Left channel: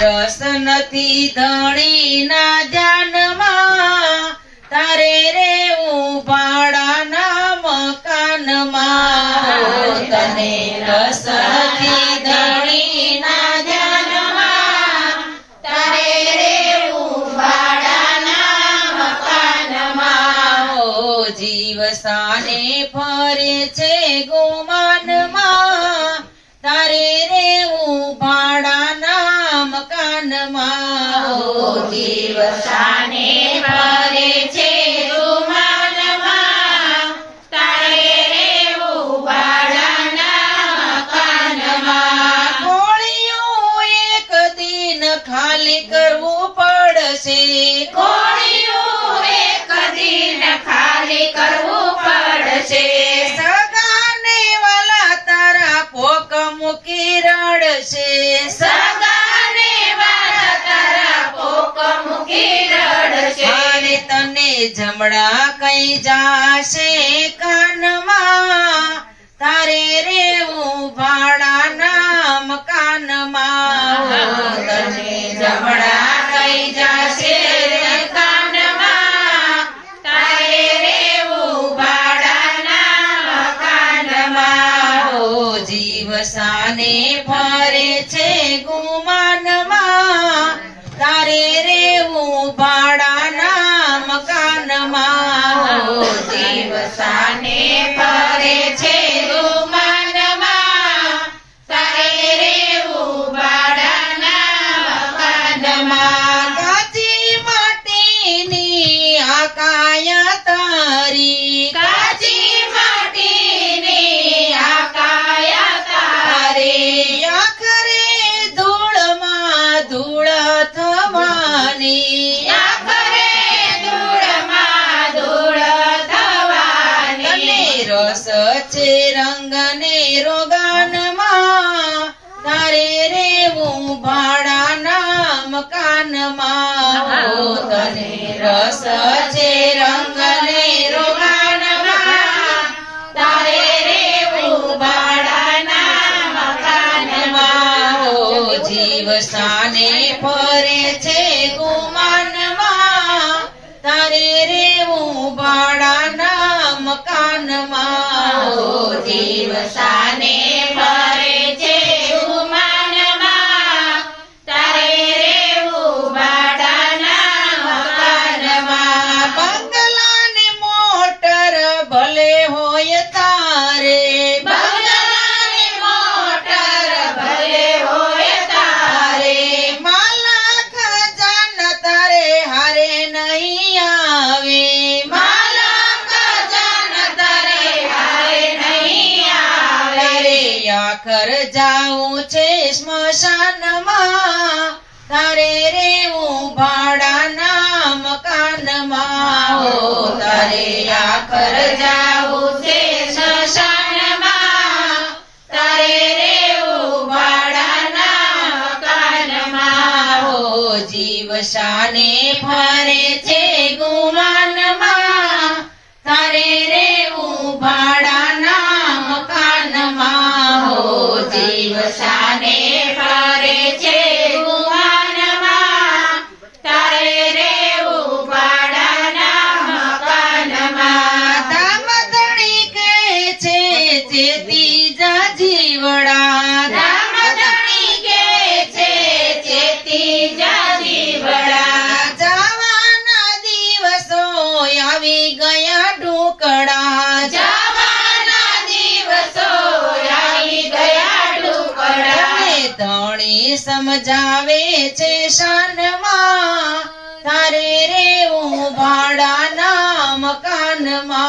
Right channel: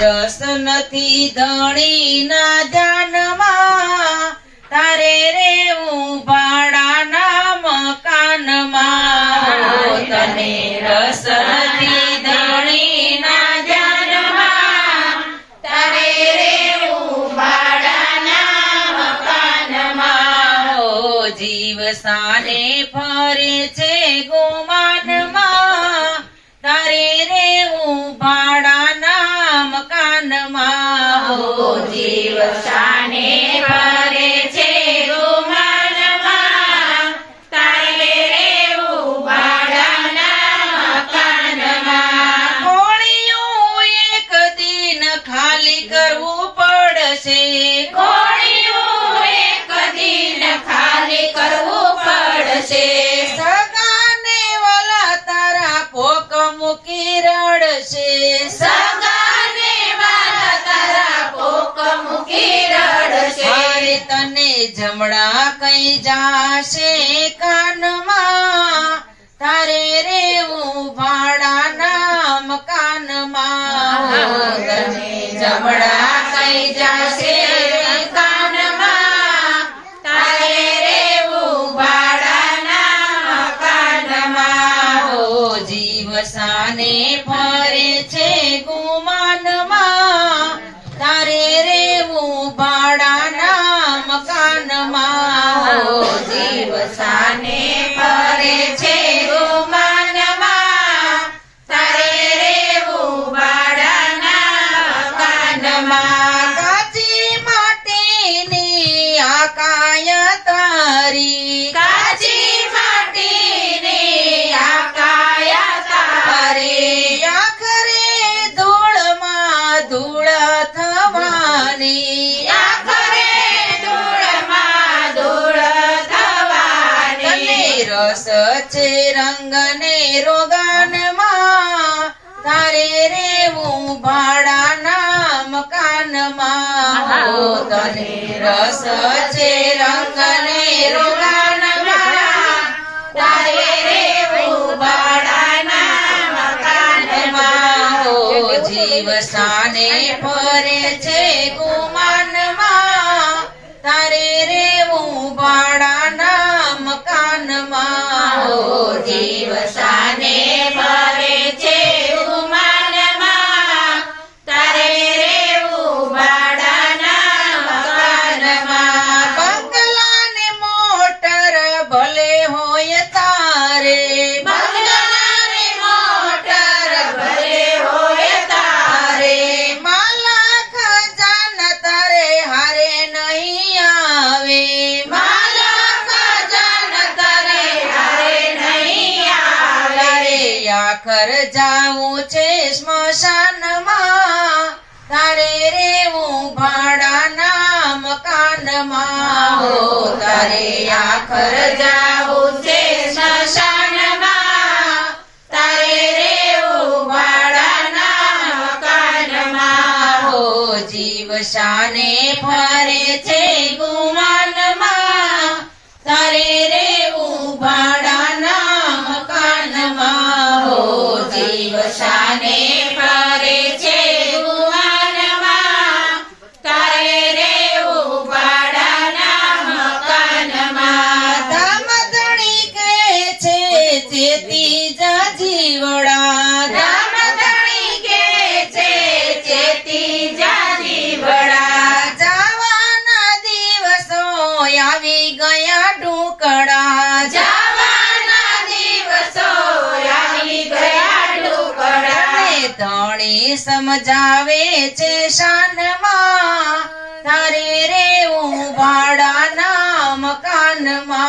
રસ નથી ધણીના ધ્યાનમાં. તારે રે ભાડાના મકાનમાં. તને રસ નથી ધણીના ધ્યાનમાં. તારે રે ભાડાના મકાનમાં. જીવ સાને ફરે છે ગુમાનમાં મકાનમાં હો જીવ સાને ફરે છે ગુમાનમાં તારે રે ભાડાના મકાનમાં કોળિયું એક દિન ખાલી કરવું પડશે. કોળિયું એક દિન ખાલી કરવું પડશે. જમણા કઈ જાશે કાનમાં? તારે રેવું ભાડાના મકાનમાં જમણા કઈ જાશે કાનમાં? તારે છે રંગને રોગાનમાં તારે રેવું ભાડાના મકાનમાં. તને રસ છે ભલે હોય તારે બંગલાને મોટર, ભલે ખજાના તારે હારે નહીં આવે. માલા ખજાના તારે હારે નહીં આવે. તારે છે સ્મશાનમાં, તારે રેવું ભાડાના મકાનમાં તારે આખર જાવું છે સ્મશાનમાં. તારે રેવું ભાડાના મકાનમાં હો જીવ શાને ફરે છે સમજાવે છે શાનમાં. તારે રેવું ભાડાના મકાનમાં.